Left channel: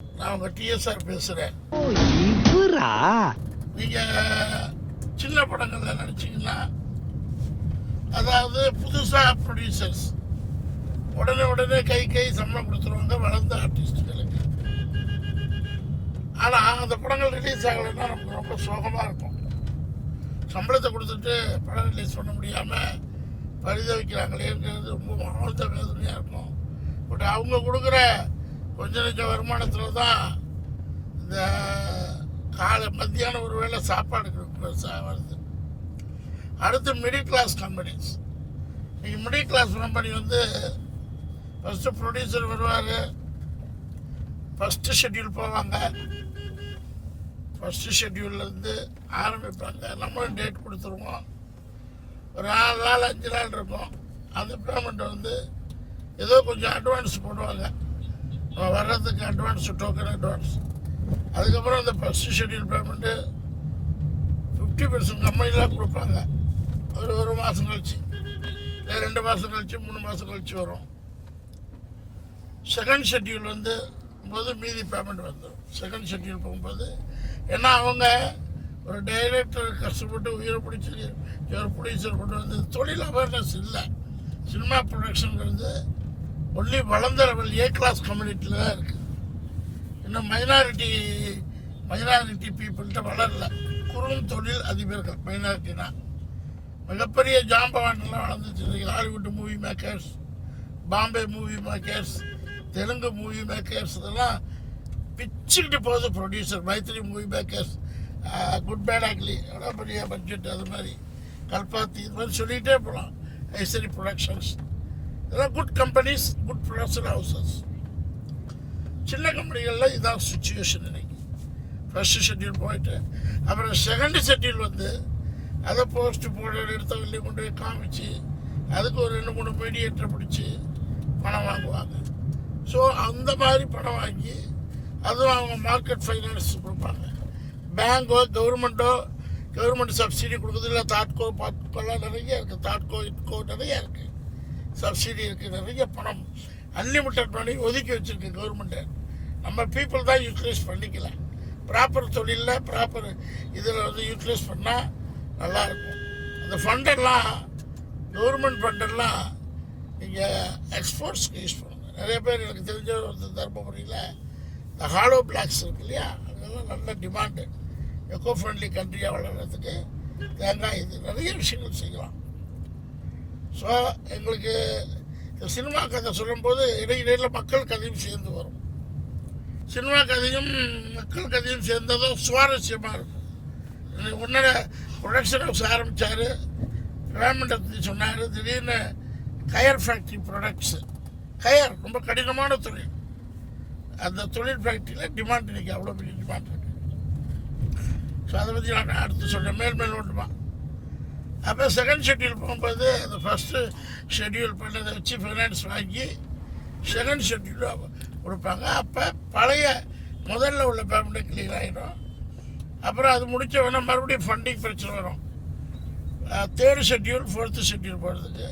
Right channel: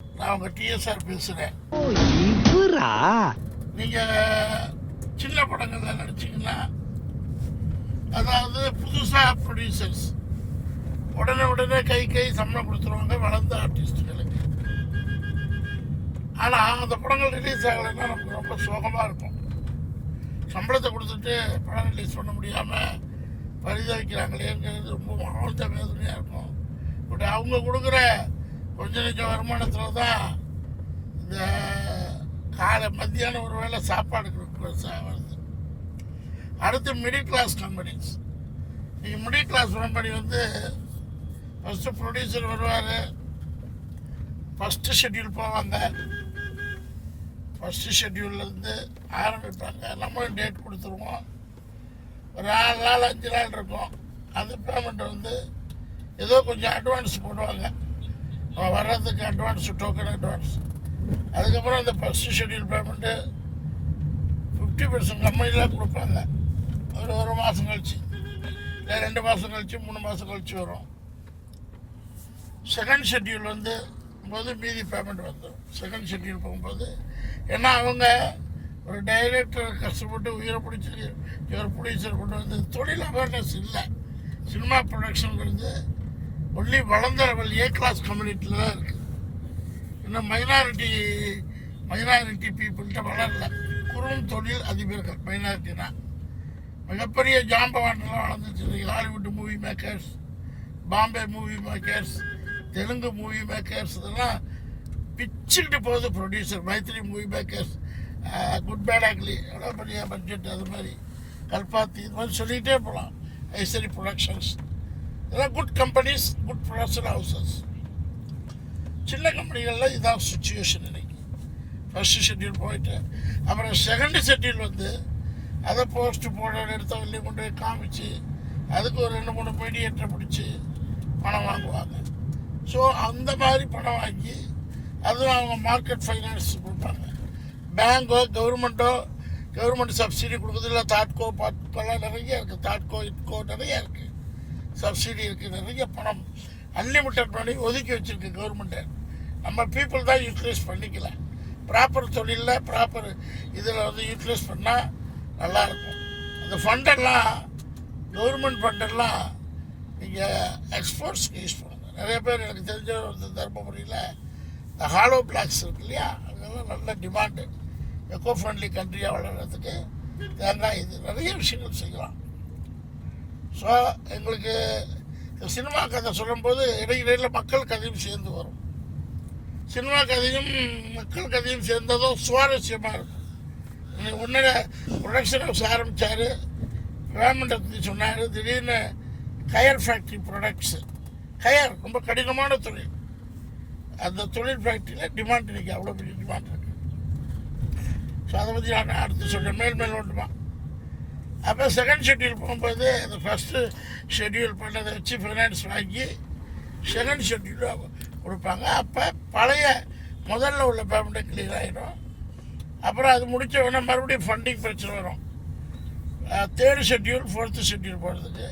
நான் உங்க டிஎஸ்ஆர் பேசுறேன். நீங்க சின்ன படங்கள்ல நடிச்சீங்கன்னா, அதாவது புதுசா ப்ரொடியூசர்ஸ் உடனே கை சம்பளம் கொடுத்துருவாங்க வளர்ந்த ஆர்டிஸ்டுகளுக்கு. ஆனா அந்த படங்கள் ரிலீஸ் ஆகலைன்னா நமக்கு ரொம்ப சோகமா இருக்கும். சம்பளத்தை கொடுத்துட்டு படம் ரிலீஸ் பண்ண முடியாம பரிதவிக்கிறாங்களேங்கிறது ரொம்ப ஆழ்ந்த வேதனையா இருக்கும். பட் அவங்க கொடுக்குற கொஞ்ச நெஞ்ச வருமானத்தில் தான் இந்த மத்தியானம் ஒரு வேளை சாப்பாடுக்கு வருது. அடுத்து மிடில் கிளாஸ் கம்பெனிஸ். நீங்கள் மிடில் கிளாஸ் கம்பெனி வந்து ஃபஸ்ட்டு ப்ரொடியூசர் வருவார், ஃபஸ்ட்டு ஷெட்யூல் போவாங்க, ஃபஸ்ட்டு ஷெட்யூல்லேருந்து ஆரம்பிப்பாங்க. நம்மளும் டேட் கொடுத்துருவோம், ஒரு 4 நாள் 5 நாள் இருக்கும். அந்த பேமெண்ட்டை வந்து ஏதோ கொஞ்சம் அட்வான்ஸ் போடுவாங்க, வர்றதுக்கு அட்வான்ஸ், டோக்கன் அட்வான்ஸ். அதுக்கப்புறம் அந்த ஃபஸ்ட்டு ஷெட்யூல் பேமெண்ட்டு 50% கம்பெனிலாம் கொடுப்பாங்க. ஒரு மாதம் கழிச்சு, இல்லை 2 மாதம் கழிச்சு, 3 மாதம் கழிச்சு வரும். செகண்ட் ஷெட்யூல் வந்து போது மீதி பேமெண்ட் வந்துடும். செகண்ட் ஷெட்யூல் போகும்போது ஏன்னா அவங்க ஒரு டைரக்டர் கஷ்டப்பட்டு உயிரை பிடிச்சி ஒரு ப்ரொடியூசர் கொண்டு வந்து தொழில் அவேர்னஸ் இல்லை. சினிமா ப்ரொடக்ஷனுங்கிறது ஒன்லி வளர்ந்த ஏ கிளாஸ் கம்யூனிட்டியில் தான் இருக்குது. இன்னும் மைனாரிட்டி பீப்புள்கிட்ட வளரல. குறும் தொழில் அதிபர்கள் மைனாரிட்டினா மிகப்பெரிய ஜாம்பவான்லாம் வளர்ந்துச்சு. Hollywood movie makers, Bombay movie makers, Telugu movie makers, இதெல்லாம் பிச்சுக்கிட்டு போகுது. Producer Mythri movie makers, good bad ugly, எவ்வளோ பெரிய பட்ஜெட், அது மாதிரி கல்பாத்தி, இது மாதிரி சொல்லிகிட்டே போகலாம். ஐஸ்வரி ப்ரொடக்ஷன்ஸ், இதெல்லாம் good companies, good production houses. சின்ன கம்பெனிகளில் இதுதான் சுச்சுவேஷன் இன்னைக்கு. ஃபஸ்ட்டு ஷெட்யூல் போயிட்டு அப்புறம் செகண்ட் ஷெட்யூல் வந்து அதை போஸ்ட்டு போட எடுத்த வெளியே கொண்டு போய் காமிச்சு அதுக்கு ஒரு 2-3 மீடியேட்டரை பிடிச்சி பணம் வாங்குவாங்க. ஸோ அந்த மாதிரி பணம் வாங்கி அதுவும் அவங்க மார்க்கெட் ஃபைனான்ஸ் கொடுப்பாங்க. பேங்கோ கவர்மெண்ட் சப்சிடி கொடுக்குறது. இல்லை தாட்கோ பாட்கோலாம் நிறைய இருக்குது. தாட்கோ இட்கோ நிறைய இருக்குது, சப்சிடி இருக்குது, நிறைய பணம் அன்லிமிட்டட் மணி ஒதுக்கி வச்சுருக்கு கவர்மெண்ட்டு. நம்ம பீப்புள் தான் யூட்டிலைஸ் பண்ணிக்கல. ப்ராப்பர் தொழிலில் ப்ராப்பர் இதில் வந்து யூட்டிலைஸ் பண்ணால் நல்லாயிருக்கும். அந்த ஃபண்டெல்லாம் கவர்மெண்ட் ஃபண்டெல்லாம் நீங்கள் எக்ஸ்போர்ட்ஸ்க்கு யூஸ் பண்ணுங்க. நிறைய பேர் எனக்கு தெரிஞ்ச வந்து தர்மபுரியில் இந்த ஹாலோ பிளாக்ஸ் இருக்கு இல்லையா, அதெல்லாம் நல்ல டிமாண்டு. எக்கோ ஃப்ரெண்ட்லி கண்ட்ரியாக வளர்கிறதுக்கு தேங்காய் இது நிறைய விஷயங்கள் செய்யலாம். ஸோ எங்களுக்கு சினிமா கதை சொல்லும்போது இடையிடையில் மக்கள் கதையும் சேர்ந்து வரும். சினிமா கதையும் மக்கள் கதையும் சேர்ந்ததும் சுவாரஸ்யமாக இருக்கும். உடனே ப்ரொடக்ஷன் ஹவுஸ் ஆரம்பித்தார், பேமெண்ட்டை பற்றி சொன்னார். திடீர்னு கயர் ஃபேக்ட்ரி ப்ராடக்ட்ஸு, கயர் ரொம்ப கடினமான தொழில். அந்த தொழில் ஃபேக்ட்ரியில் டிமாண்ட் இன்றைக்கி அவ்வளோ பெரிய டிமாண்ட் இருக்குது. ஸோ அதை பற்றி நான் அடுத்து சொல்கிறேன், மேல் ஓட்டுமா. அப்போ செகண்ட் ஷெட்யூல் போகும்போது அந்த ஃபஸ்ட்டு ஷெட்யூல் பண்ணதை வச்சு ஃபைனான்ஸ் வாங்கி செகண்ட் ஷெட்யூல் கொடுப்பாங்க. அப்போ பழைய முதல்ல உள்ள பேமெண்ட்டை கிளியர் ஆகிடும். அப்புறம் அது முடித்த உடனே மறுபடியும் ஃபண்டிங் பிரச்சனை வரும். தேர்டு ஷெட்யூல், ஃபோர்த்து ஷெட்யூல் போகிறதுக்கு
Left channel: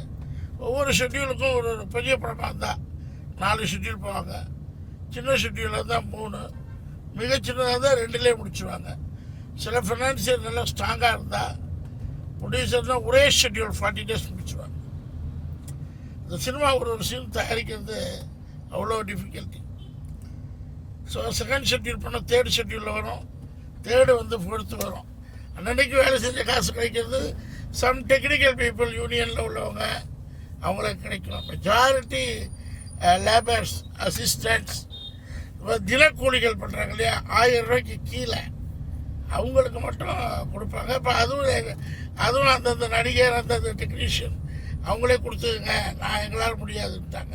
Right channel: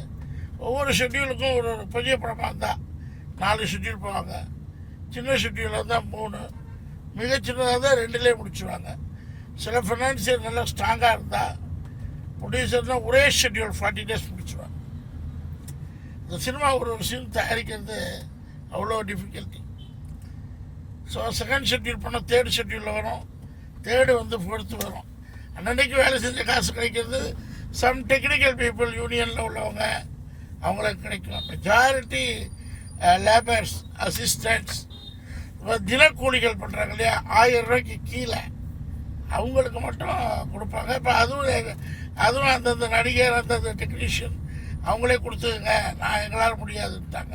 ஒவ்வொரு ஷெட்யூலுக்கும் ஒரு பெரிய படமாக இருந்தால் 4 ஷெட்யூல் போவாங்க. சின்ன ஷெட்யூலாக தான் 3, மிக சின்னதாக தான் 2லேயே முடிச்சுருவாங்க. சில ஃபைனான்சியர் நல்லா ஸ்ட்ராங்காக இருந்தால் ப்ரொடியூசர்னால் ஒரே ஷெட்யூல் 40 டேஸ் முடிச்சுருவாங்க. இந்த சினிமா ஒரு சீன் தயாரிக்கிறது அவ்வளோ டிஃபிகல்ட்டி. ஸோ செகண்ட் ஷெட்யூல் பண்ணால் தேர்டு ஷெட்யூலில் வரும், தேர்டு வந்து ஃபோர்த்து வரும். அன்னன்னைக்கு வேலை செஞ்ச காசு கிடைக்கிறது சம் டெக்னிக்கல் பீப்புள் யூனியனில் உள்ளவங்க அவங்களுக்கு கிடைக்கும். மெஜாரிட்டி லேபர்ஸ், அசிஸ்டன்ட்ஸ், தினக்கூலிகள் பண்ணுறாங்க இல்லையா, 1000 ரூபாய்க்கு கீழே அவங்களுக்கு மட்டும் கொடுப்பாங்க. இப்போ அதுவும் அந்தந்த நடிகர், அந்தந்த டெக்னீஷியன் அவங்களே கொடுத்துங்க, நான் எங்களால் முடியாதுன்ட்டாங்க.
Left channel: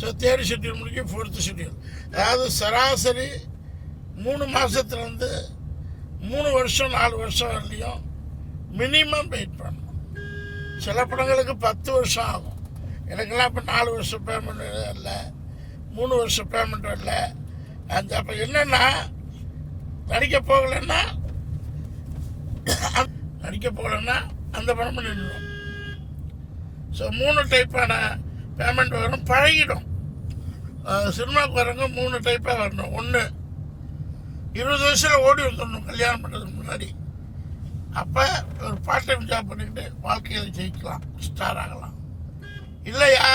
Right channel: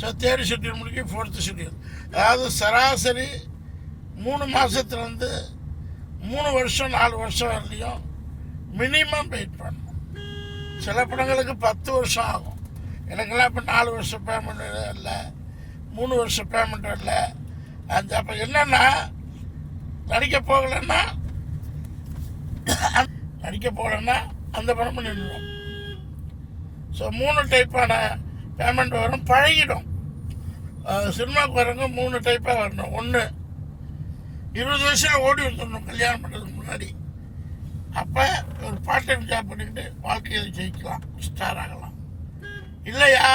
ஸோ தேர்டு ஷெட்யூல் முடிக்க ஃபோர்த்து ஷெட்யூல், அதாவது சராசரி 3 மாதத்துலேருந்து 3 வருஷம் 4 வருஷம் வரலையும் மினிமம் வெயிட் பண்ணணும். சில படங்களுக்கு 10 வருஷம் ஆகும். எனக்கெல்லாம் இப்போ 4 வருஷம் பேமெண்ட் வரல, 3 வருஷம் பேமெண்ட் வரல. அப்போ என்னென்னா நடிக்க போகலைன்னா அந்த படம் நின்றுடும். ஸோ 3 டைப்பான பேமெண்ட் வரும், பழகிடும். சினிமாவுக்கு வரவங்க 3 டைப்பாக வரணும். ஒன்று 20 வயசில் ஓடி வந்துடணும் கல்யாணம் பண்ணுறதுக்கு முன்னாடி. அப்போ ஒரு பார்ட் டைம் ஜாப் பண்ணிக்கிட்டு வாழ்க்கையில் ஜெயிக்கலாம், ஸ்டார் ஆகலாம். இல்லையா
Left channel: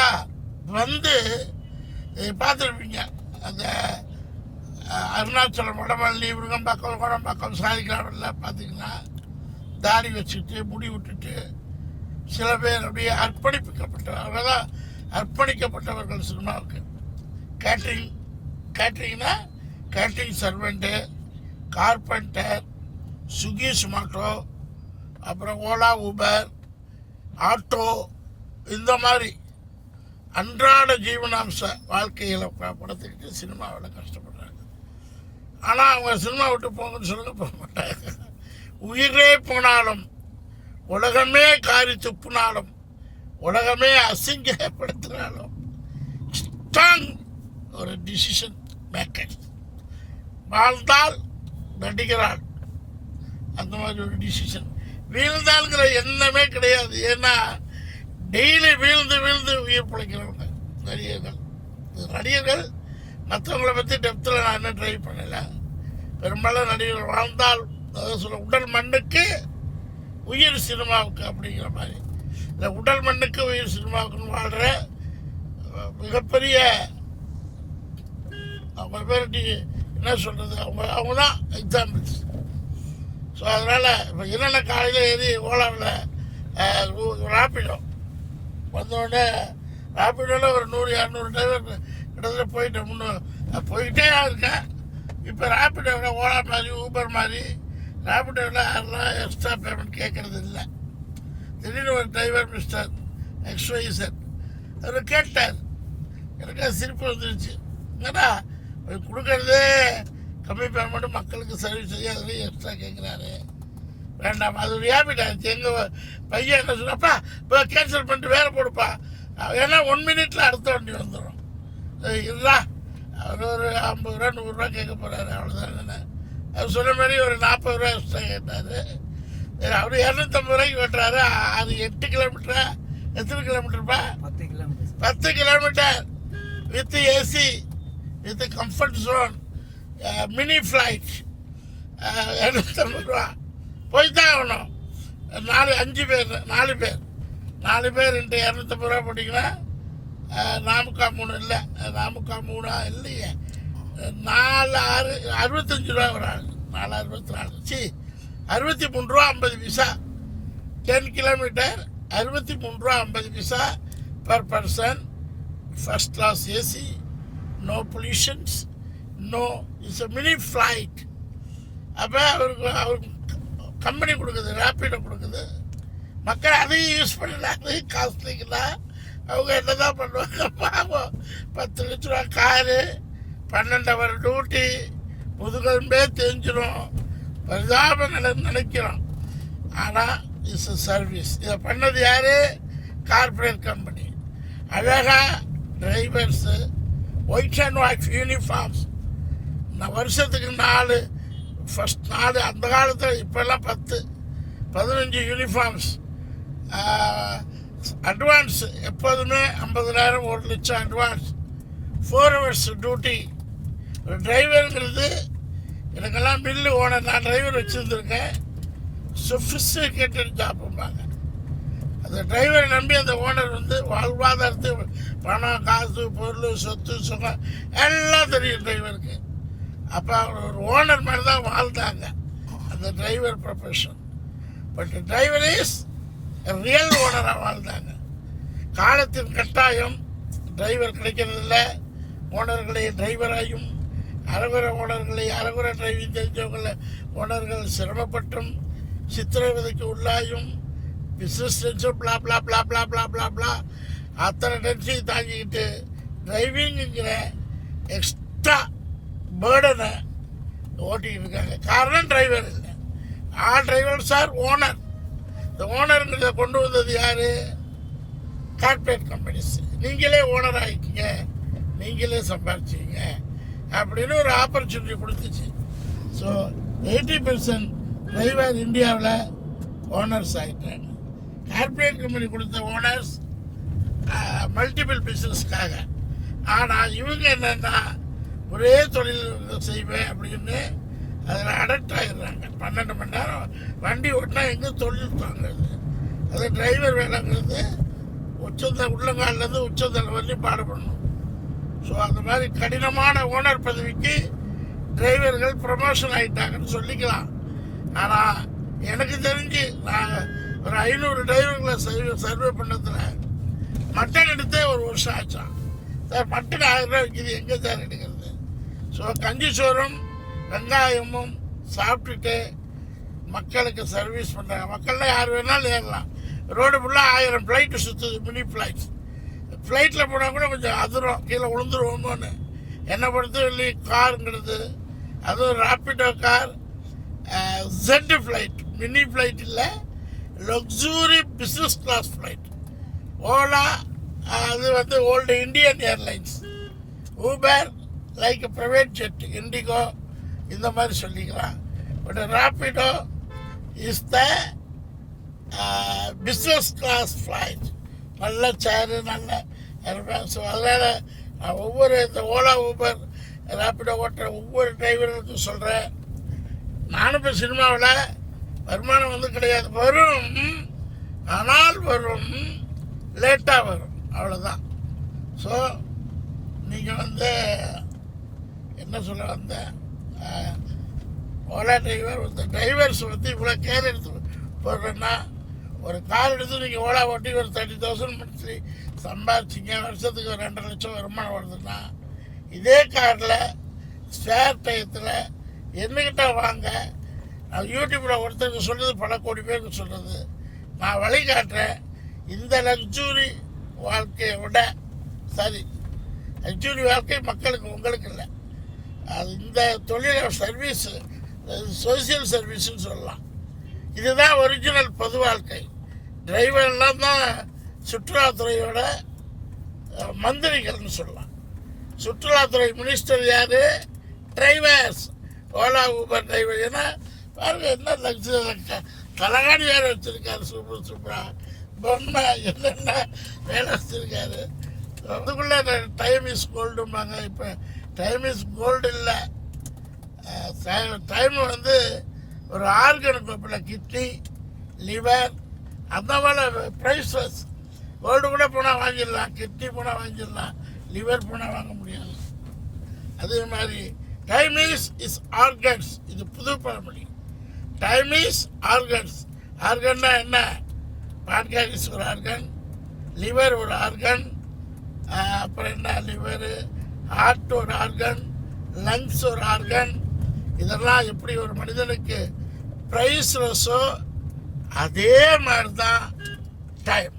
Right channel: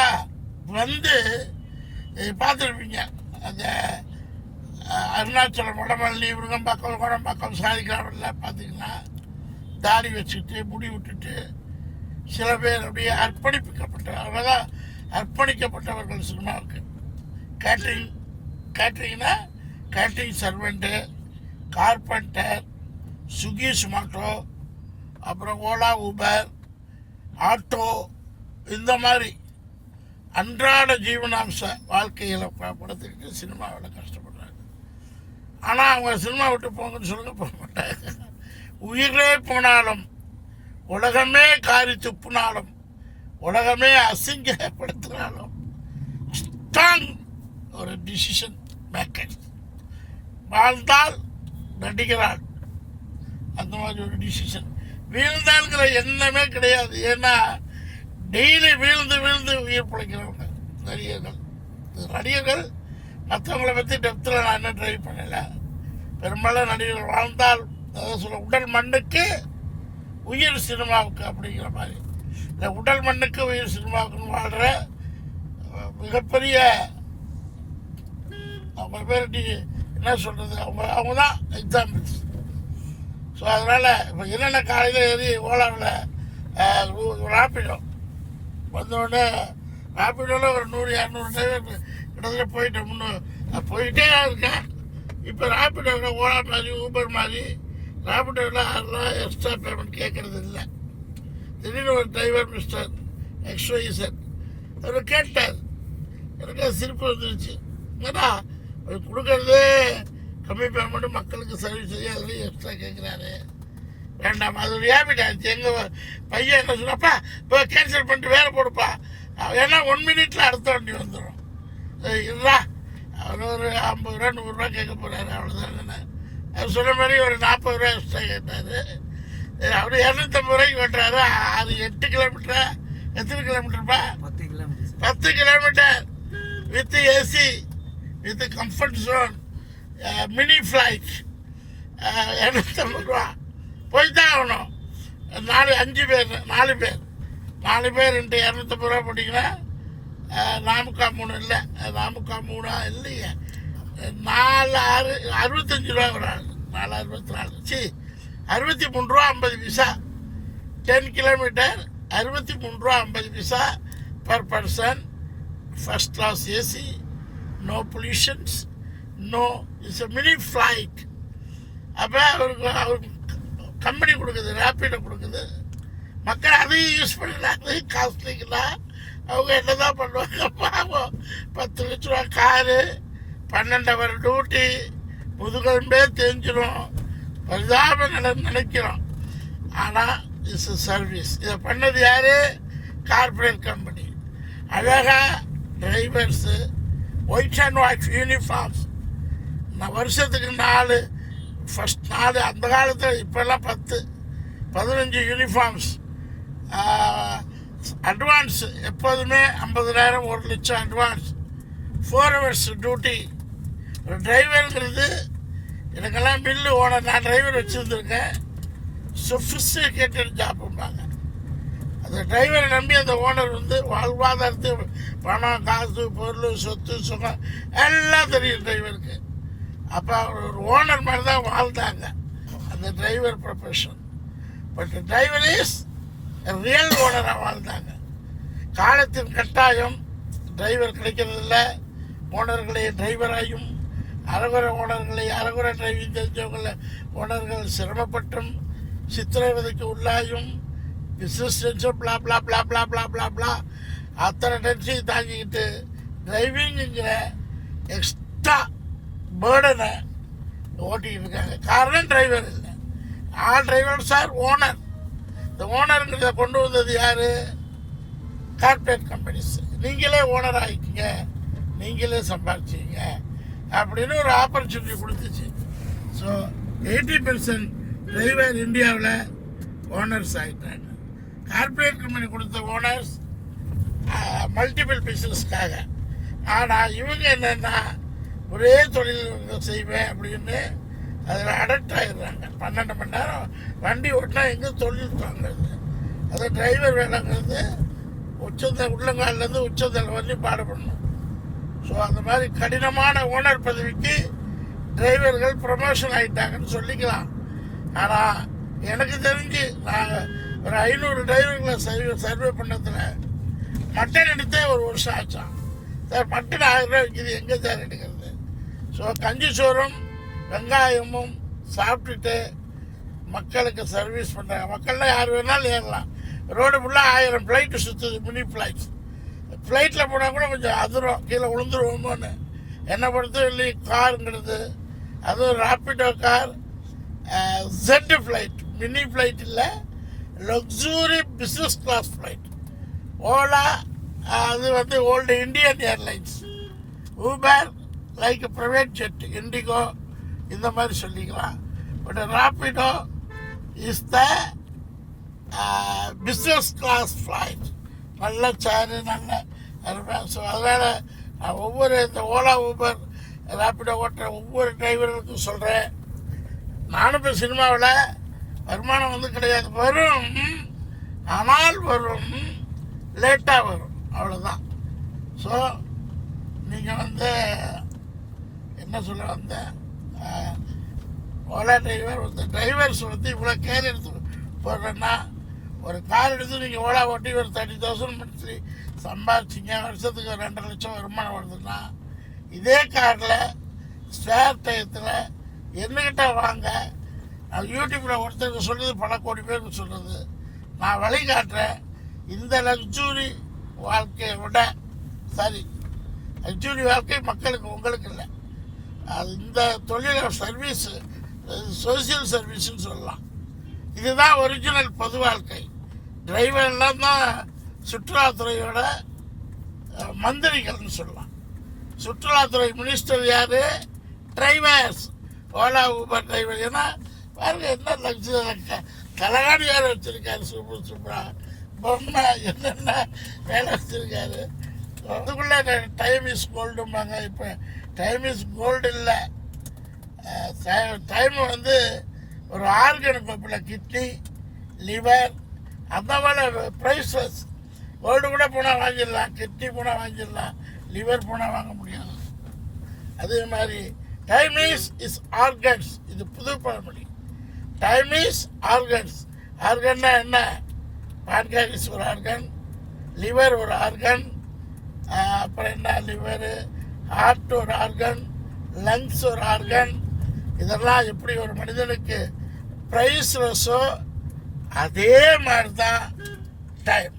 வந்து பார்த்துருப்பீங்க அந்த அருணாச்சலம், வடமல்லி, விருகம்பாக்கம், கோடம்பாக்கம், சாதிக்கிறாமெல்லாம் பார்த்தீங்கன்னா தாடி வச்சுக்கிட்டு முடி விட்டுட்டு சில பேர் அப்படியே அர்ப்பணிக்கப்பட்டவர்கள் தான் அர்ப்பணிக்கப்பட்டவர்கள் சினிமாவுக்கு. கேட்ரிங்னா catering servant, carpenter, Swiggy Zomato, அப்புறம் ஓலா, ஊபர், ஆட்டோ, இந்த மாதிரி அன்றாட ஜீவனாம்ச வாழ்க்கையில் படுத்துக்கிட்டு சினிமாவில் கஷ்டப்படுறாங்க. ஆனால் அவங்க சினிமா விட்டு போங்கன்னு சொல்லுங்க, போக மாட்டாங்க. உயிரே போனாலும், உலகமே காரி துப்புனாலும், உலகமே அசிங்கப்படுத்தினாலும் ஸ்ட்ராங் ஒரு டிசிஷன் மேக்கர். வாழ்ந்தால் நடிக்கிறாள், அந்த மாதிரி ஒரு டிசிஷன். வீழ்ந்தாளுங்கிற எண்ணமே கிடையாது. ஏன்னா டெய்லி வீழ்ந்து வீழ்ந்து உயிர் பிழைக்கிறவங்க நடிகர்கள். மற்றவங்களை பற்றி டெப்த்தில் நான் என்ன ட்ரை பண்ணலை. பெரும்பாலும் நடிகர்கள் வாழ்ந்தால் சொல்ல உடல் மண்ணுக்கு உயிர் சினிமாவுக்கு அப்படிங்கிற மாதிரி. இந்த உடல் மண்ணுக்கு உயிர் சினிமாவுக்குன்னு வாழ்கிற மிகப்பெரிய அவங்க பேர் என்ன சொல்கிறது, அவங்க தான் எக்ஸாம்பிள்ஸ். ஸோ அதனால் இப்போ என்னென்ன காலையில் ஏறி ஓலாவில் ராப்பிடோ வந்தோடனே ராப்பிடோவில் ஒரு 100-200 டிரைவர் கிட்டத்தட்ட போயிட்டேன். போயிட்டே இருக்கேன். இப்போ ராப்பிடோவில் ஓலா மாதிரி, ஊபர் மாதிரி ராப்பிடோவில் யாரெல்லாம் எக்ஸ்ட்ரா பேமெண்ட் கேட்குறது இல்லை. திடீர்னு ஒரு டிரைவர் மிஸ்டர் XYZ அவர் கேட்டார். எனக்கு அது சிரிப்பு வந்துருச்சு. ஏன்னா கொடுக்கறதே கம்மி பேமெண்ட்டு, மக்களுக்கு சர்வீஸ் செய்ய அதுலேயும் எக்ஸ்ட்ரா கேட்குறாரு. வேண்டாம், அது ஒரு ஹேபிட் ஆகிடுச்சு. எங்கள் பையன் என்ன சொன்னப்பா இப்போ கேன்சல் பண்ணிட்டு வேலை போடுப்பா, ஏன்னா 1 மினிட்டில் அடுத்த வண்டி வந்துடும். இல்லா அவர் ஒரு 50 ரூபா 100 ரூபா கேட்க போகிறாரு, அவ்வளோதான். அவர் சொன்ன மாதிரி ஒரு 40 ரூபா எக்ஸ்ட்ரா கேட்டார். அவர் 250 ரூபாய்க்கு வெட்டுறாரு. அது 8 கிலோமீட்டரா, எத்தனை கிலோமீட்டர்ப்பா? 10 kilometre with AC, with comfort zone, mini flight. 250 ரூபா போய் தான் ஆகணும். 4 பேர் 4 பேர் 250 ரூபா போட்டிங்கன்னா 4/3 இல்லை, 4/3 இல்லையே, 4 65 ரூபா ஒரு ஆள். 4 63 ரூபா 50 பைசா. 10 கிலோமீட்டர் 63 ரூபா 50 paisa per person. First class AC, no pollutions, no, it's a mini flight. அப்போ அவருக்கு கம்பெனி கொடுக்குது, ரேப்பிடோ கொடுக்குது. மக்கள் அதையும் யூஸ் பண்ணல, அதையும் காஸ்ட்லிங்களா அவங்க என்ன தான் பண்ணுவாங்க பாவம். 10 லட்ச ரூபா காரு, 12 ஹவர் டியூட்டி, முதுகெலும்பே தெரிஞ்சிடும். பரிதாபம் நினைக்கிறோம். ஆனால் இட்ஸ் சர்வீஸ். இதை பண்ணது யார்? Corporate company. அழகாக drivers, white and white uniforms. நான் வருஷத்துக்கு 4, ஃபஸ்ட் 4, அந்த காலத்தில், இப்போல்லாம் 10-15 யூனிஃபார்ம்ஸ். அட்வான்ஸ் எப்போதுமே 50,000 1 லட்சம் அட்வான்ஸ். 4 hours duty. ஒரு டிரைவருங்கிறது, எனக்கெல்லாம் மில்லு ஓனர், நான் டிரைவர் வச்சுருந்துருக்கேன். சொஃபிஸ்டிகேட்டட் ஜாப்பும்பாங்க. அந்த டிரைவரை நம்பி அந்த ஓனர் வாழ்வாதாரத்தை, பணம், காசு, பொருள், சொத்து, சுகம் எல்லாம் தெரியும் டிரைவருக்கு. அப்போ ஒரு ஓனர் மாதிரி தான் வாழ்ந்தாங்க அந்த driver profession. But driver is real ஓனராக வாழ்ந்தாங்க. காலத்தின் கட்டாயம் டிரைவர் கிடைக்கிறதில்ல. ஓனர்களை டிரைவராயும், அரகுர ஓனர்களை, அரகுர டிரைவிங் தெரிஞ்சவங்கள ஓனர்கள் சிரமப்பட்டும், சித்திரவதைக்கு உள்ளாயும், business tension, blah blah blah blah blah blah blah அத்தனை டென்ஷனையும் தாங்கிக்கிட்டு டிரைவிங்குங்கிற எக்ஸ்ட்ரா பேர்டனை ஓட்டிக்கிட்டு இருக்காங்க. காரணம் டிரைவர் இல்லை. All drivers are owner. இந்த ஓனருங்கிறத கொண்டு வந்தது யார்? Corporate companies. நீங்களே ஓனர் ஆகிக்கிங்க, நீங்களே சம்பாதிச்சிங்க அப்படின்னு ஒரு ஆப்பர்ச்சுனிட்டி கொடுத்துச்சு. ஸோ 80% டிரைவர் இந்தியாவில் ஓனர்ஸ் ஆகிட்டாங்க. கார்பரேட் கம்பெனி கொடுத்த ஓனர்ஸ் மல்டிபிள் பிஸ்னஸ்க்காக. ஆனால் இவங்க என்னென்னா ஒரே தொழில் செய்வேன் அப்படின்னு அதில் அடக்ட் ஆகிடுறாங்க. 12 மணி நேரம் வண்டி ஓட்டினா எங்கே தொழில் வாங்குறது? அது டிரைவர் வேலைங்கிறது உள்ளங்காலிலேருந்து உச்சந்தலை வரலையும் பாடுபடணும். ஸோ அந்த மாதிரி கடினமான ஓனர் பதவிக்கு டிரைவர்கள் ப்ரமோஷன் ஆகிட்டாங்கன்னு சொல்லிக்கலாம். ஆனால் எனக்கு தெரிஞ்சு நான் ஒரு 500 டிரைவர்களை சர்வே பண்ணதில் மட்டன் எடுத்தே ஒரு வருஷம் ஆச்சான். சார் மட்டன் 1000 ரூபா விற்கிது, எங்கே சார் எடுக்கிறது? ஸோ கஞ்சி சோறும் வெங்காயமும் சாப்பிட்டுட்டு மக்களுக்கு சர்வீஸ் பண்ணுறாங்க. மக்கள்லாம் யார் வேணாலும் ஏறலாம். ரோடு ஃபுல்லாக 1000 ஃப்ளைட்டு சுற்றுது, மினி ஃப்ளைட்ஸ். ஃப்ளைட்டில் போனால் கூட கொஞ்சம் அதிரும், கீழே விழுந்துருவோமோன்னு. என்னை பொறுத்தவரை காருங்கிறது அதுவும் Rapido car, jet flight, mini flight இல்லை, luxury business class flight. Ola அது old Indian airlines. Uber like private jet, IndiGo இந்த மாதிரி சொல்லிக்கலாம். But Rapido is the business class flight. நல்ல சேரு, நல்ல அருமை. ஸோ அதனால் ஒவ்வொரு இந்த ஓலா ஊபர் ராப்பிடோ ஓட்டுற ஒவ்வொரு டிரைவர்களுக்கும் சொல்கிறேன், நானும் இப்போ சினிமாவில் வருமானம் கிடையாது, வரும், ஆனால் வரும், லேட்டாக வரும், அவ்வளோதான். ஸோ நீங்கள் என்ன சொல்ல வந்த ஓலா டிரைவர், இந்த டிரைவர்ஸ் இவ்வளோ கேர் எடுத்து போடுறேன்னா, ஒரு கார் எடுத்து நீங்கள் ஓலா ஓட்டி ஒரு 30,000 மந்த்லி சம்பாதிச்சிங்க, வருஷத்துக்கு ஒரு 2.5 லட்சம் வருமானம் வருதுன்னா, இதே காரில் ஸ்பேர் டயத்தில் என்னக்கிட்ட வாங்க. நான் யூடியூப்பில் ஒருத்தருக்கு சொல்கிறது, பல கோடி பேருக்கு சொல்கிறது, நான் வழி காட்டுறேன். இந்த லக்ஸூரி வாழ்க்கையை விட லக்ஸூரி வாழ்க்கை மக்களுக்கு, உங்களுக்கு இல்லை. அது இந்த தொழில் சர்வீஸு, சோசியல் சர்வீஸ்ன்னு சொல்லலாம். இதுதான் ஒரிஜினல் பொது வாழ்க்கை. டிரைவர்லாம் தான் சுற்றுலாத்துறையோட மந்திரிகள்னு சொல்லலாம். சுற்றுலாத்துறை மினிஸ்டர் யார்? Drivers, Ola Uber driver. ஏன்னா பாருங்க என்ன லக்ஸரி தலகாணி வேறு வச்சுருக்காரு, சூப்பராக பொம்மை என்னென்ன வேலை வச்சுருக்காரு. அதுக்குள்ளே டைம் இஸ் கோல்டும்பாங்க. இப்போ டைம் இஸ் கோல்டு இல்லை, டைம் ஒரு ஆர்கனுக்கு இப்போ கிட்னி, லிவர் அந்த மாதிரி ப்ரைஸ்லெஸ். கோல்டு கூட போனால் வாங்கிடலாம், கிட்னி போனால் வாங்கிடலாம், லிவர் போனால் வாங்க முடியாது. அதே மாதிரி டைம் இஸ் ஆர்கன்ஸ். இது புது பழமொழி. Time is organs. ஆர்கன்னா என்ன? பான்காரிஸ் ஒரு ஆர்கன், லிவர் ஒரு ஆர்கன், அப்புறம் என்ன லிவரு, ஹார்ட் ஒரு ஆர்கன், லங்ஸ் ஒரு ஆர்கன். இதெல்லாம் எப்படி ஒரு மனிதனுக்கு ப்ரைஸ்லெஸ்ஸோ அதே மாதிரி தான் டைம்.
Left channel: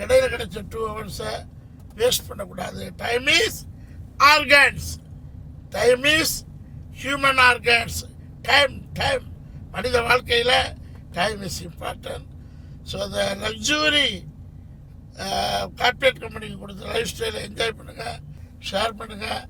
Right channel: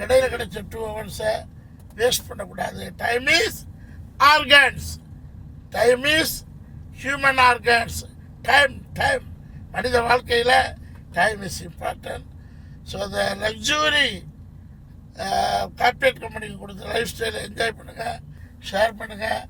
இடையில கிடைச்ச 2 ஹவர்ஸை வேஸ்ட் பண்ணக்கூடாது. Time is organs. Time is human organs. Time மனித வாழ்க்கையில் டைம் இஸ் இம்பார்ட்டன்ட். ஸோ இந்த லக்ஸூரி கார்ப்பரேட் கம்பெனிக்கு கொடுத்த லைஃப் ஸ்டைலை என்ஜாய் பண்ணுங்கள், ஷேர் பண்ணுங்கள்.